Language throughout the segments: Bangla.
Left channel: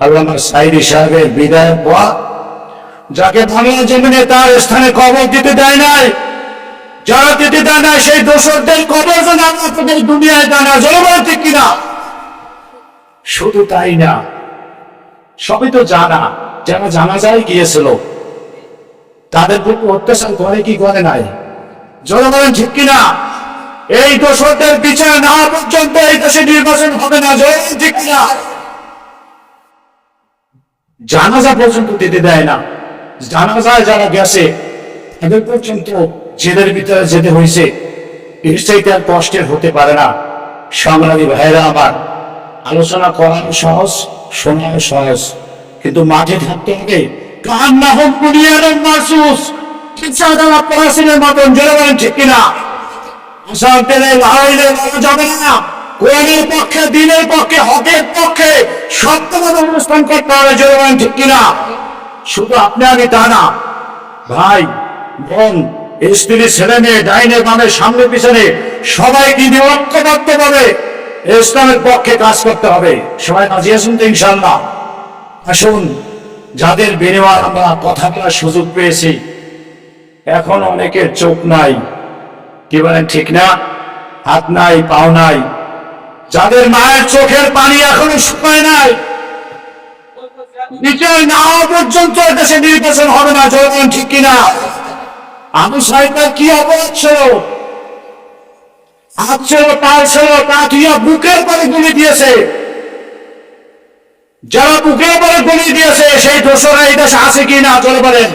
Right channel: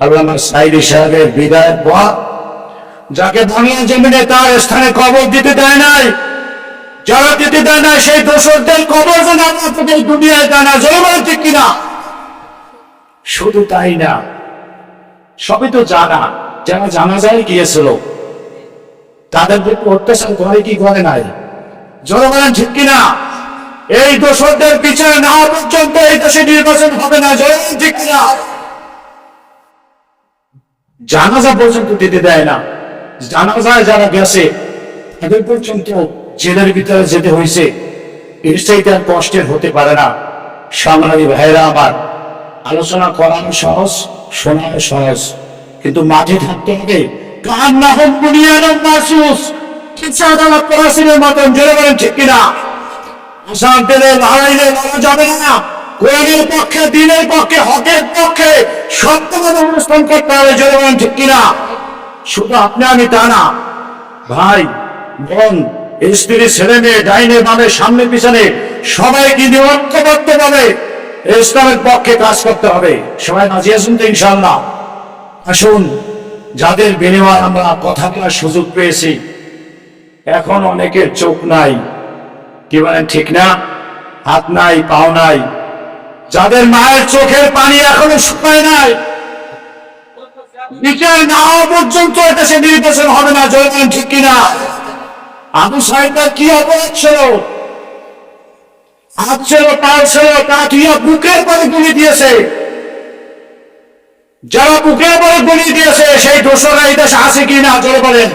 আল্লামা সাইদি সাহেবের বিদায় পর যাকে বাংলা জমিনে তার স্থানে কবর দিতে দেয় নাই, যারা দিতে দেয় না সেই দোষরদের কবর যেন আল্লাহ দুনিয়ায় দেয় না জলবায়ু ঠিক কিনা? শুধু তাই না, সবই তো জানা, যারা জানা যায় গিয়েছিল, তাদের প্রতি অত্যাচার করে কি করে নাই? জনগণ ঠিক কিনা? এই দোষরদের বিচার না পর্যন্ত এই দেশে নির্বাচন হবে না। জনগণ ঠিক কিনা? জানাজা পর্যন্ত দিতে দেয় না। জানাজায় যারা গেছে তাদের পর্যন্ত জেলের ভিতরে যেতে হয়েছে। এর চাইতে আর কষ্টের হতে পারে না। সংগ্রামী ভাইরা আমার, আলোচনা করানো সহজ শোনানো সহজ। কিন্তু মাঠে থাকতে হবে। কান না হোক মাসুস মতন জোরে বলেন, ঠিক কিনা? আসার দিলে লড়াইলে লড়া যাবে না। কোরআনের পক্ষে, দিনের পক্ষে, হকের পক্ষে সত্যভাবে অনুষ্ঠান করতে হবে বলেন ঠিক কিনা? শুধু আপনি আমি তা না, ভাই, বোন, স্ত্রী, ছেলে মেয়ে, ডাইনে বামে, সামনে পিছনে, সবাইকে নিয়ে ঐক্যবদ্ধ ভাবে ইসলামের পক্ষে কাজ করতে হবে। সবাই নাজিয়ে আসুন তো ইনশাল্লাহ আসুন, যাদের বিনিময় আমরা কথা বলার সুযোগ পেয়েছি, এখন অনেকের চোখ নাই। কি বলেন ঠিক না? হাত নাই, পাও নাই। যাদের মায়ের চোখের পানি এখনও শুকায় নাই বিচার না পর্যন্ত দেশে নির্বাচন হবে না জয়মান ঠিক কিনা? আবু সাহেবের কি অপরাধ ছিল? হাত ছিল তার ছিল তুইয়া বুকের পরে গুলি দিয়েছে। যারা বুকের পরে গুলি দিয়েছে, সেই দোষরা এই আছে কি না, জোরে বলেন।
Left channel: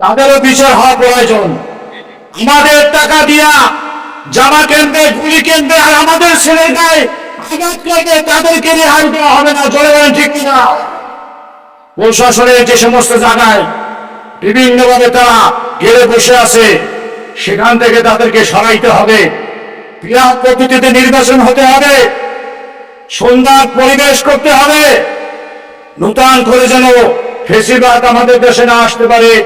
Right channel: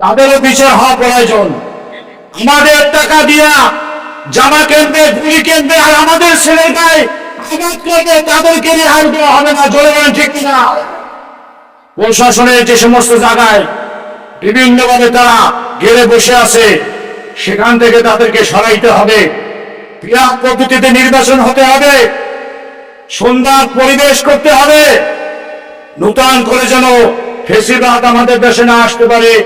তাদেরও বিচার হওয়া প্রয়োজন। আমাদের টাকা দিয়া জামা কিনবে গুলি কিনবে আর আমাদের ছেলে গায়ে আঘাত করবে তাদেরকে রেহাই দেওয়া হবে না, জোরে বলেন ঠিক কিনা? প্রশাসনের যে সমস্ত জায়গায় বিভিন্নভাবে তারা গেড়ে বসে আছে, সেখান থেকে তাদেরকে সরাইতে হবে। ক্রিয়া পদ্ধতিতে নির্বাচন হতে হবে। সুন্দর পরিবেশ করতে হবে। নূতন করে যেন ফেসিবাদ আমাদের দেশে না আসতে পারে।